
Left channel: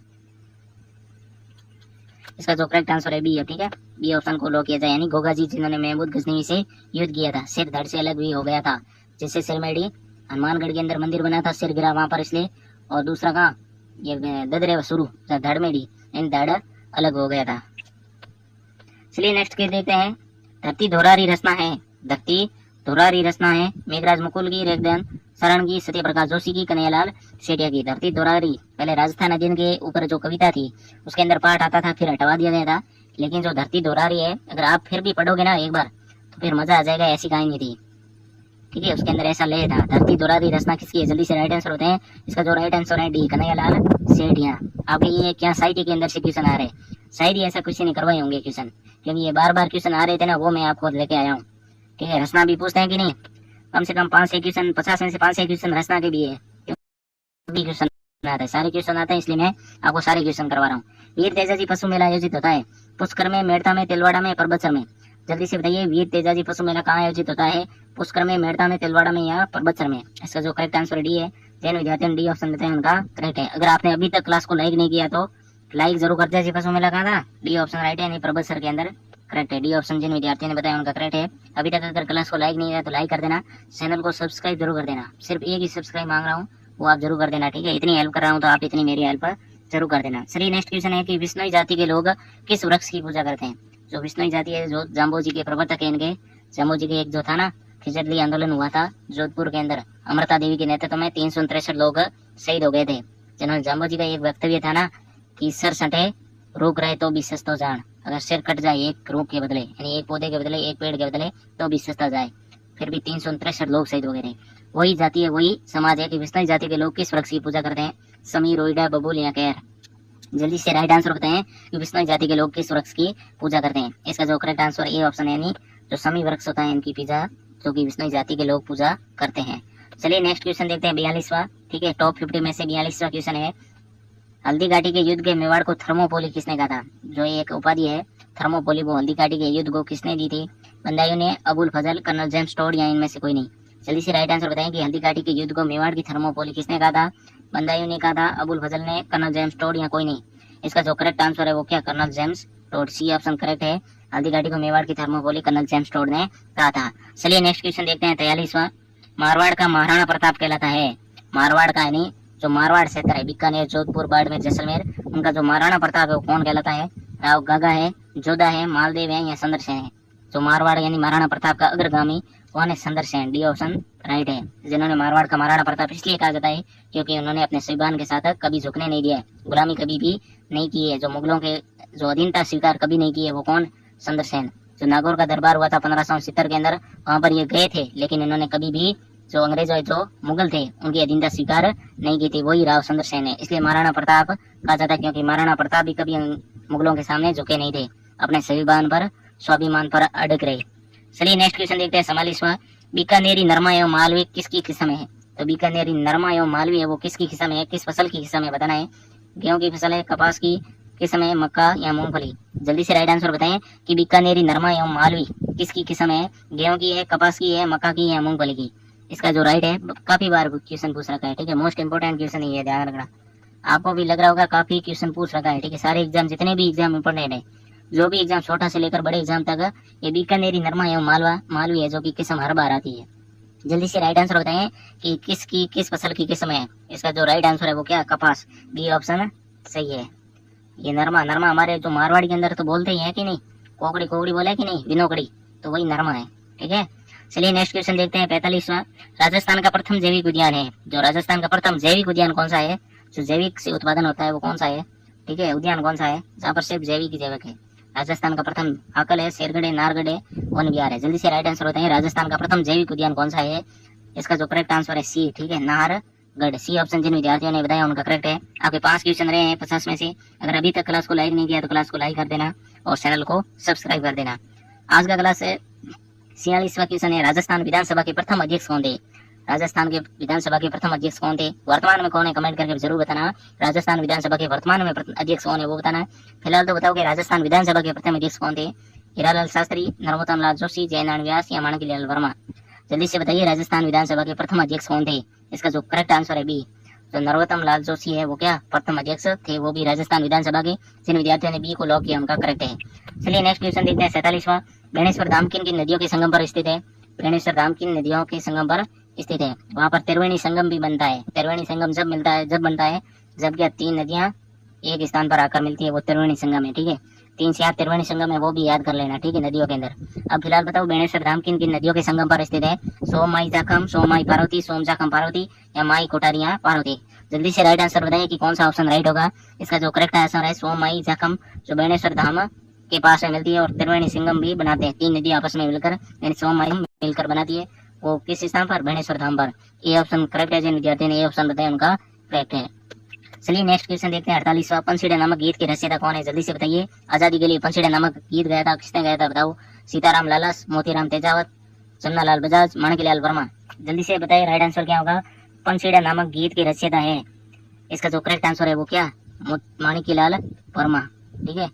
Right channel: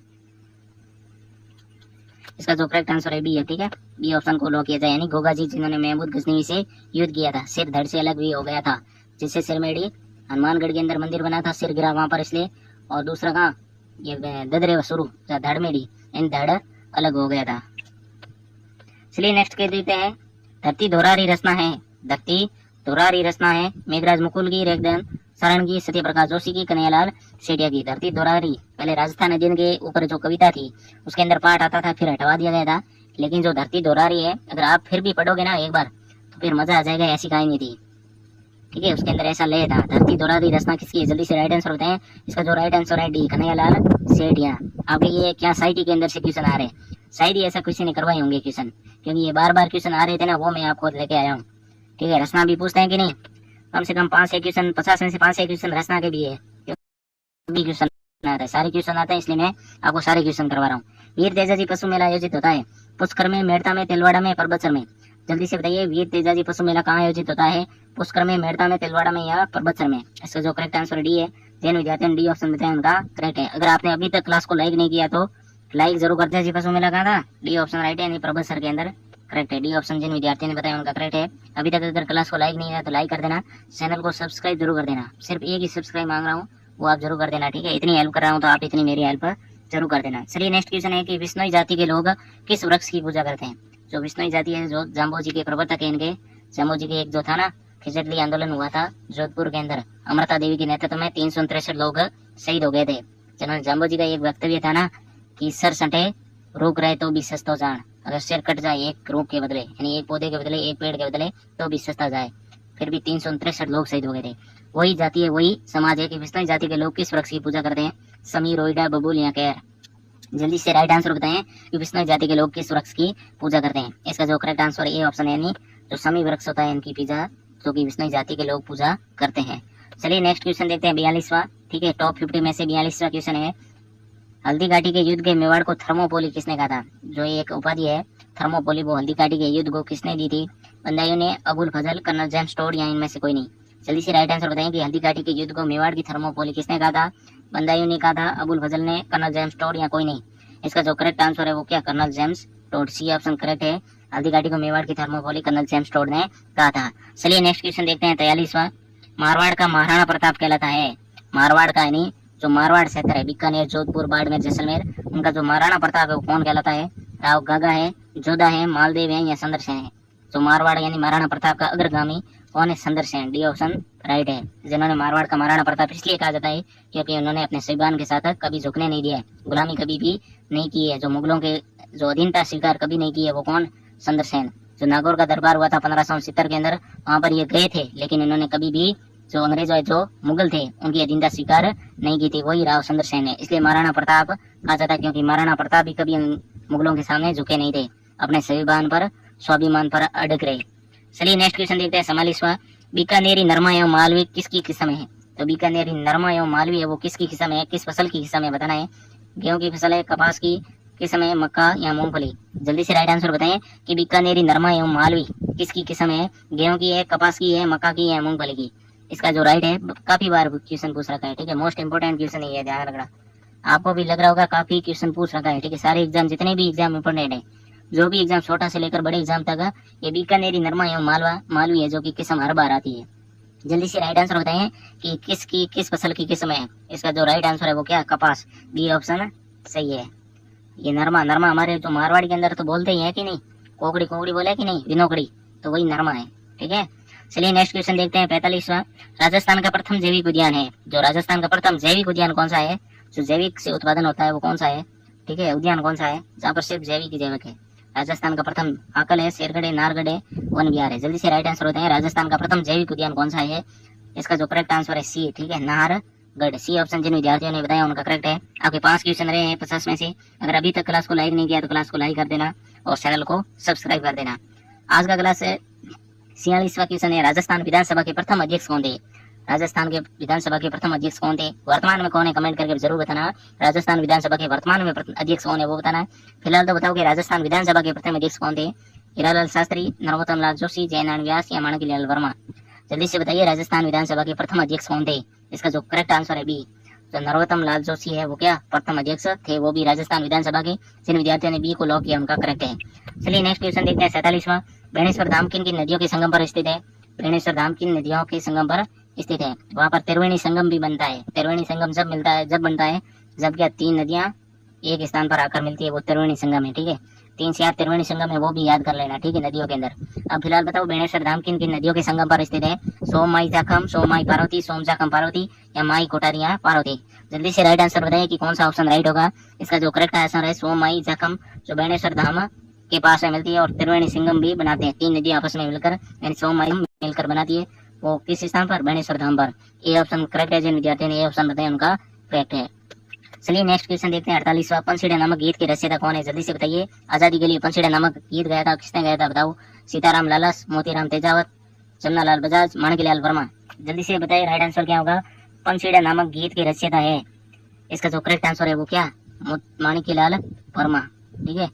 इसका जो करेक्ट आंसर है बी है। ठीक है, बी ऑप्शन को लॉक किया जाए, यानी गोगा जी जिन्होंने महमूद गजनवी से युद्ध किया था। सिर धड़ से अलग भी हो गया था, जिससे सिरमेड़ी हनुमानगढ़ के अंदर मंदिर बना था, सिर गिरा वहां पर इसलिए। और दूसरा कहाँ, ये ददरे शुरू जहाँ धड़ मेड़ी, इन धड़ अलग हो गया था। चलिए नेक्स्ट के देखते हैं। धरती धोरारी रचना है, धरती धोरारी रचना है मेघराज मुकुल की, रेखदान शरण की, सत्य प्रकाश जोशी की, कन्हैयालाल सेठिया की। धरती धोरारी पहले राजस्थान अधीन के ऊपर जो कविता थी उसके अंदर पाठ आता था, फिर हटवा दिया गया था। लेकिन जो धरती धोरारी है अगर आप फिर भी पढ़ोगे ना एक बार तो फिर मजा आ जाएगा, ऐसी कहानी थी। ठीक है, उसके अंदर ऐसा लय था। धरती धोरारी रचना किसकी है? जल्दी से राइट आंसर बताएं। इसका जो राइट आंसर है डी, कन्हैयालाल सेठिया। आपके ये क्या साइटी के अंदर से क्वेश्चन आ रहे हैं? शायद ही ऐसा किसी ने करवाए होंगे क्वेश्चन, क्योंकि ये बार क्वेश्चन आ रहे थे ना, वो मैं आपको लेके आया हूँ। ठीक है, रचना भी पूछते हैं कि नहीं, कम से कम 5-6 क्वेश्चन, 50 में से 5-6 क्वेश्चन रचना के भी है। क्वेश्चन आता है, सारे क्वेश्चन आते हैं, इसलिए मैं आपको सारे क्वेश्चन करवा रहा हूँ। वीर तेजाजी पशु मेला आयोजित होता है पुष्कर में, मेड़ता में, तिलवाड़ा में, परबतसर में? जल्दी से बताइए, वीर तेजाजी पशु मेला कहाँ आयोजित होता है? पुष्कर में, मेड़ता में, तिलवाड़ा में या परबतसर में? इसका जो करेक्ट आंसर डी है। जैन विद्यार्थी डी ऑप्शन देते हैं उनका करेक्ट है। अगर आपने अभी तक क्लास को लाइक नहीं किया तो लाइक जरूर कर दीजिए। पशु मेला कहाँ था? डी ऑप्शन राइट है, यानी परबतसर के अंदर करेक्ट है। डी ऑप्शन जिन विद्यार्थियों ने बताया उनका करेक्ट है। अभी तक अगर क्लास को लाइक नहीं किया तो लाइक कर देना, चैनल को सब्सक्राइब जरूर कर देना। सिर्फ एक ही सब्सक्राइब मांग रहा हूँ, वो आप जरूर कर देना। ठीक है, इतनी हेल्प कर रहा हूँ तो आप इतनी मेरी हेल्प जरूर कर देना। चलिए नेक्स्ट क्वेश्चन है कि विष्णुई जाति के लोग किस वृक्ष की पूजा करते हैं? जो विष्णुई जाति है, जो जाम्बो जी के प्रवर्तक है, इनके जाम्बो जी के एक जो था ना खिचड़ी आंदोलन हुआ था जोधपुर के अंदर, अमृता देवी के नेतृत्व में 363 लोग शहीद हो गए थे। जिन्होंने जाम्बो जी का एक वक्तव्य था ना कि सर सटे रोक रहे तो भी सस्तो जान, अगर सिर कट जाए एक रूख के बदले, यानी एक पौधे के बदले, एक पेड़ के बदले, तो भी सस्ता जाए। फिर भी 363 लोग शहीद हो गए थे। वही जाति है, वही समाज है कि विष्णुई जाति के लोग किस वृक्ष की पूजा करते हैं? समी, रोइडा, बबूल या कैर? जल्दी से राइट आंसर बताएं कि विष्णुई जाति के लोग किस वृक्ष की पूजा करते हैं। इसका जो करेक्ट आंसर ए ऑप्शन है, यानी जो समी वृक्ष होता है इनकी पूजा जो कि विष्णुई जाति के लोग पूजा करते हैं। चलिए नेक्स्ट क्वेश्चन देखते हैं 42वां। ठीक है, टॉप 50 में से 42वां क्वेश्चन है, हल्दी घाटी के युद्ध के मेवाड़ को थर्मोपोली किसने कहा था? जो एक उपाधि है थर्मोपोली, वो हल्दी घाटी के युद्ध को किसने दी थी? बंदायूं ने, अबुल फजल, कर्नल जेम्स टोड या इनमें से कोई नहीं? जल्दी से राइट आंसर बताएं कि हल्दी घाटी के युद्ध को मेवाड़ की थर्मोपोली किसने कहा था? बंदायूं ने कहा था, अबुल फजल ने, कर्नल जेम्स टोड या कोई नहीं? इसका जो करेक्ट आंसर है वो क्या? Colonel James Tod. C option correct है। हल्दी घाटी को मेवाड़ की थर्मोपोली कर्नल जेम्स टोड ने कहा था। चलिए नेक्स्ट क्वेश्चन देखते हैं 43वां। मारवाड़ का महाराणा प्रताप कहलाता है? मारवाड़ का, यानी जो मारवाड़ क्षेत्र है, बीकानेर, जोधपुर, बाड़मेर, जैसलमेर, उनका जो महाराणा प्रताप है वो कौन कहलाता है? राव गागा है, जोधा है, मालदेव है या संदरसेन है? जो मारवाड़ यानी महाराणा प्रताप का अग्रगामी कौन है? संदरसेन। डी ऑप्शन राइट है। जिन्होंने मारवाड़ का महाराणा प्रताप इसलिए कहा जाता है क्योंकि उन्होंने अपने सैबान के साथ कभी झुकने नहीं दिया है, गुलामी कभी भी नहीं की है, जो मुगलों के जो अधीनता स्वीकार कभी नहीं की है, वो कौन? संदरसेन। जो नागौर का दरबार हुआ था 1570 के अंदर, वहां पर ये गए थे लेकिन इन्होंने कभी भी जो अंग्रेजों जो मुगल थे उनकी अधीनता स्वीकार नहीं की थी, वही राव सुंदर सेन है। इसलिए महाराणा प्रताप कहा जाता है, क्योंकि महाराणा प्रताप भी कभी मुगलों के सामने झुके नहीं थे, अपने स्वाभिमान पर अड़ग रहे। चलिए नेक्स्ट क्वेश्चन देखते हैं 44वां। बीकानेरी नरमा एवं मालवी किसकी किस्म है? तो बीकानेरी नरमा एवं मालवी है वो किसकी किस्म है, किस फसल की किस्म है बताना है। गेहूं की फसल है, कपास की किस्म है, मक्का या मूंगफली? जल्दी से राइट आंसर बताएं कि बीकानेरी नरमा एवं मालवी किसकी किस्म है, गेहूं की है, कपास की है, मक्का की या मूंगफली की? इसका जो राइट है, काफी बार क्वेश्चन पूछ रखा है, ठीक है, मोस्ट इंपोर्टेंट क्वेश्चन ये है, ध्यान रखना। आपको भी लग रहा होगा काफी क्वेश्चन पूछ रखा है, ठीक है, सारे एग्जाम जितने भी एग्जाम इंपोर्टेंट है, जो भी एग्जाम छोटा से लेकर बड़े एग्जाम तक, ये बीकानेरी नरमा एवं मालवी है जो की किस्म हर बार आती है। जल्दी से राइट आंसर बताएं कि किस फसल की किस्म है। इसका जो राइट आंसर है वो क्या, कपास, बी ऑप्शन सही है। ये नरमा हमारे जो मारवाड़ी के अंदर तो बोलते ही है कि नहीं, कोकड़ी बोले कि नहीं, बिनोकड़ी, तो वही नरमा है, ठीक है। चलिए नेक्स्ट क्वेश्चन देखते हैं 45वां। राजस्थान का प्रथम जैविक उद्यान है, जो राजस्थान का प्रथम जैविक उद्यान कौन सा है, जो जैविक से उत्पादन होता है वो कौन सा है, ठीक है, उद्यान कौन सा है जहाँ पर सिर्फ जैविक है। राजस्थान का प्रथम आकल है, शेरगढ़, नारगढ़, वन विहार है। जल्दी से राइट आंसर होता है राजस्थान का प्रथम जैविक उद्यान कौन सा है। इसका जो करेक्ट आंसर है सी, ठीक है, नाहरगढ़, सी ऑप्शन जिन विद्यार्थियों ने बताया उनका करेक्ट है। आपके 5 क्वेश्चन रहे हैं 50 में से। अगर अभी तक क्लास को लाइक नहीं किया तो क्लास को लाइक कर देना और चैनल को सब्सक्राइब कर देना। आज का क्लास है 46वां क्वेश्चन है, राजस्थान विधानसभा के प्रथम अध्यक्ष कौन थे। राजस्थान के विधानसभा के प्रथम अध्यक्ष कौन थे, वर्तमान में कौन है, कमेंट करके जरूर बताना। राजस्थान विधानसभा के वर्तमान में अध्यक्ष कौन है वो बताना है। फिलहाल तो बताओ कि राजस्थान विधानसभा के प्रथम अध्यक्ष कौन थे। हीरालाल शास्त्री, नरोत्तम लाल जोशी, जयनारायण व्यास या माणिकलाल वर्मा? जल्दी से बताइए राजस्थान विधानसभा के प्रथम अध्यक्ष कौन थे। इसका जो करेक्ट आंसर है बी, तो नरोत्तम लाल जोशी है वो क्या प्रथम अध्यक्ष थे, वो भी राजस्थान विधानसभा के। जिन विद्यार्थियों ने बी को लॉक किया उनका करेक्ट है। चलिए नेक्स्ट क्वेश्चन देखते हैं 47वां। बेणेश्वर धाम किन किन नदियों के संगम पर स्थित है। बेणेश्वर धाम किन नदियों के संगम पर स्थित है। वहाँ पर त्रिवेणी संगम भी बनता है। त्रिवेणी संगम जब बनता है जब क्या 3 नदियां एक स्थान पर आकर मिलती है, वो त्रिवेणी संगम है, ठीक है। 3 से 8 त्रिवेणी संगम है, वो भी याद कर लेना, ठीक है, नदियों के अंदर। अब फिलहाल बताओ बेणेश्वर धाम किन किन नदियों के संगम पर स्थित है। सोममाई जाखम, सोममाई पार्वती, सोमजाखम पार्वती या माई कोटारिया पार्वती? जल्दी से राइट आंसर बताइए कि कौन सा ऑप्शन राइट होगा। इसका जो करेक्ट आंसर है सोममाई जाखम, जो बेणेश्वर धाम के पास में मिलती है और त्रिवेणी संगम भी बनाते हैं। 3 नदियां आपस में मिलकर यानी सोममाई मिलकर बनाती है, वो किस स्थान पर, बेणेश्वर धाम पर। ए ऑप्शन करेक्ट है, जिन विद्यार्थियों ने ए ऑप्शन बताया उनका करेक्ट है। चलिए नेक्स्ट क्वेश्चन देखते हैं 48वां। पंसीड़ा नामक गीत के रचयिता कौन है। जल्दी से बताइए। आजादी के लिए पंसीड़ा नामक गीत गाया था, किसने गाया था बताओ। सीताराम लालस, मोतीराम तेजावत, जमनालाल बजाज, माणिकलाल वर्मा? जल्दी से बताइए राइट आंसर क्या होगा। पंसीड़ा नामक गीत के रचयिता है, इसका जो करेक्ट आंसर है वो क्या, माणिकलाल वर्मा, ठीक है,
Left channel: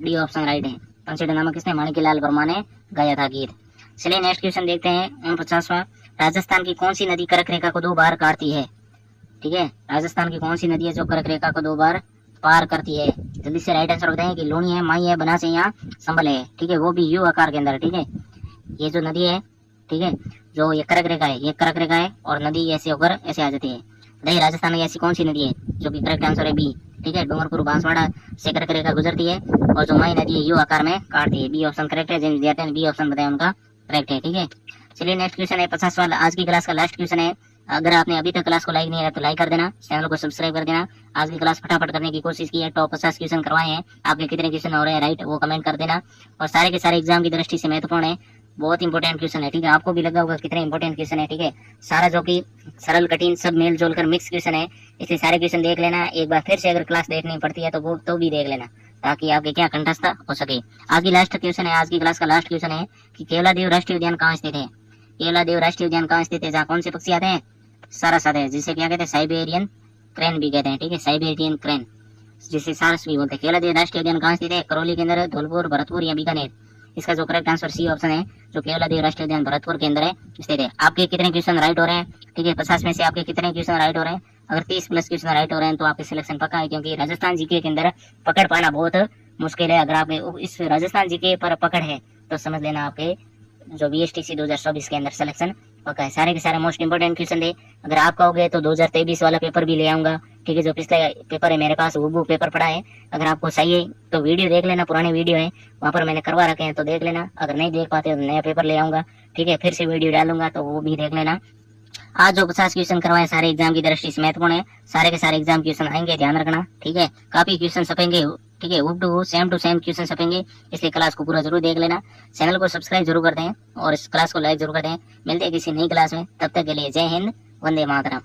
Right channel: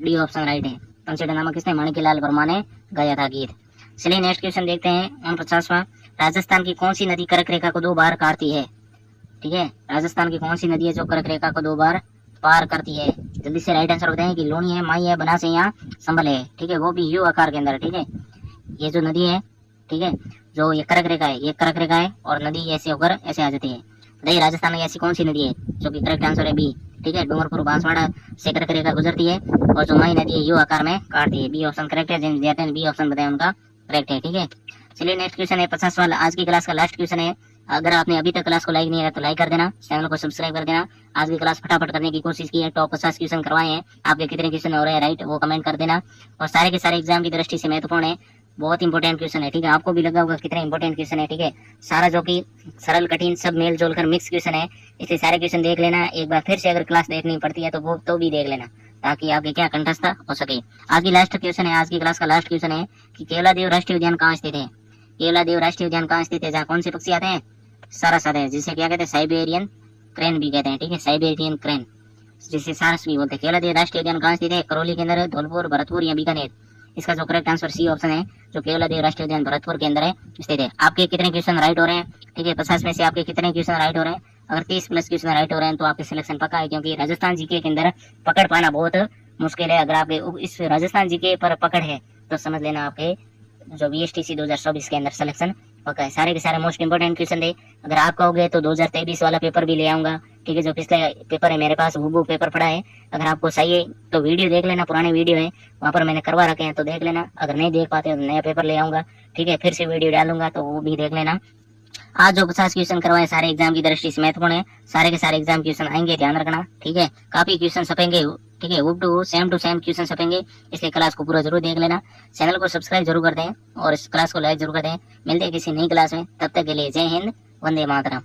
डी ऑप्शन राइट है। पंसीड़ा नामक किसने, माणिकलाल वर्मा ने गाया था गीत। चलिए नेक्स्ट क्वेश्चन देखते हैं 49वां। राजस्थान की कौन सी नदी कर्क रेखा को 2 बार काटती है, ठीक है, राजस्थान की कौन सी नदी है जो कर्क रेखा को 2 बार पार करती है। जल्दी से राइट आंसर बताएं कि लूनी है, माई है, बनास है या संभल है, ठीक है, वो भी यू आकार के अंदर, ठीक है। ये जो नदी है, ठीक है, जो ये कर्क रेखा है, ये कर्क रेखा है और नदी ऐसे होकर ऐसे आ जाती है। बताइए राजस्थान में ऐसी कौन सी नदी है, जो कि करेक्ट आंसर है बी, ठीक है, डूंगरपुर बांसवाड़ा से कर्क रेखा गुजरती है और जो माई नदी है यू आकार में काटती है। बी ऑप्शन करेक्ट है, जिन विद्यार्थियों ने बी ऑप्शन बताया उनका करेक्ट है, ठीक है। चलिए नेक्स्ट क्वेश्चन है 50 वाला, आज की क्लास का लास्ट क्वेश्चन है। अगर आपने अभी तक क्लास को लाइक नहीं किया तो लाइक कर देना, चैनल को सब्सक्राइब कर देना। आज की क्लास फटाफट करने की कोशिश की है, टॉप 50 क्वेश्चन करवाए हैं। आपके कितने क्वेश्चन हो रहे हैं राइट वो कमेंट कर देना, और सारे के सारे एग्जाम की दृष्टि से महत्वपूर्ण है, बहुत इंपॉर्टेंट क्वेश्चन है, ठीक है। आपको भी लगा होगा कितने इंपॉर्टेंट क्वेश्चन है, ठीक है, सारा जो कि सरल कठिन सब मेल जोल कर मिक्स क्वेश्चन है, इसलिए सारे क्वेश्चन देख लेना। एक बार फिर से अगर क्लास देखनी पड़ती है तो वो तो भी देख लेना, ताकि आपके क्या कंठस्थ हो सके। आज की लास्ट क्वेश्चन है, आज की क्लास का लास्ट क्वेश्चन है कि केवलादेव राष्ट्रीय उद्यान कहाँ स्थित है। केवलादेव राष्ट्रीय उद्यान कहाँ स्थित है, जहाँ कौन से पक्षी आते हैं, सारस आते हैं, जिसे क्या कहते हैं, साइबेरियन क्रेन भी कहते हैं, ठीक है, साइबेरियन क्रेन, जिसे सारस भी बोलते हैं। केवलादेव राष्ट्रीय उद्यान कहाँ स्थित है, करौली के अंदर, धौलपुर, भरतपुर या बीकानेर? इसका जो करेक्ट आंसर सी ऑप्शन है, जो केवलादेव राष्ट्रीय उद्यान भरतपुर के अंदर है स्थित है। आपके कितने क्वेश्चन राइट हो रहे हैं, ठीक है, 50 में से आपके कितने क्वेश्चन राइट हो रहे हैं। अगर 30 प्लस क्वेश्चन राइट हो रहे हैं तो आपके सिलेक्शन पक्का है, क्योंकि राजस्थान जीके के अंदर पकड़ पाना बहुत मुश्किल है। अगर आपके इस राजस्थान जीके पर पकड़ है तो समझ लेना आपके जो BSTC 2024 के अंदर सिलेक्शन पक्का है। सारे के सारे मोस्ट इंपोर्टेंट क्वेश्चन दे। अगर आप कहोगे तो 2023 वाला पेपर भी ले आऊंगा, ठीक है, जो पिछले पेपर है मेरे पास वो पेपर पड़ा है। अगर आपको सही है तो वीडियो देख लेना, पुराने वीडियो है वहाँ पर मैंने करवा रखे हैं तो देख लेना। अगर नहीं देख पाते तो नया पेपर ले आऊंगा, ठीक है, फिर से वीडियो डालूंगा तो वो भी देख लेना। आज जो 50 क्वेश्चन करवाए सारे एग्जाम की दृष्टि से महत्वपूर्ण है, सारे के सारे एग्जाम क्वेश्चन आएंगे, ध्यान रखना, ठीक है, काफी क्वेश्चन छपेंगे, ठीक है, सेम टू सेम क्वेश्चन छपेंगे, इसलिए क्लास को पूरा जरूर देख लेना। चैनल को सब्सक्राइब जरूर कर दें और इस क्लास को लाइक जरूर कर दें। मिलते हैं किसी नई क्लास में, तब तक के लिए जय हिंद, वंदे मातरम।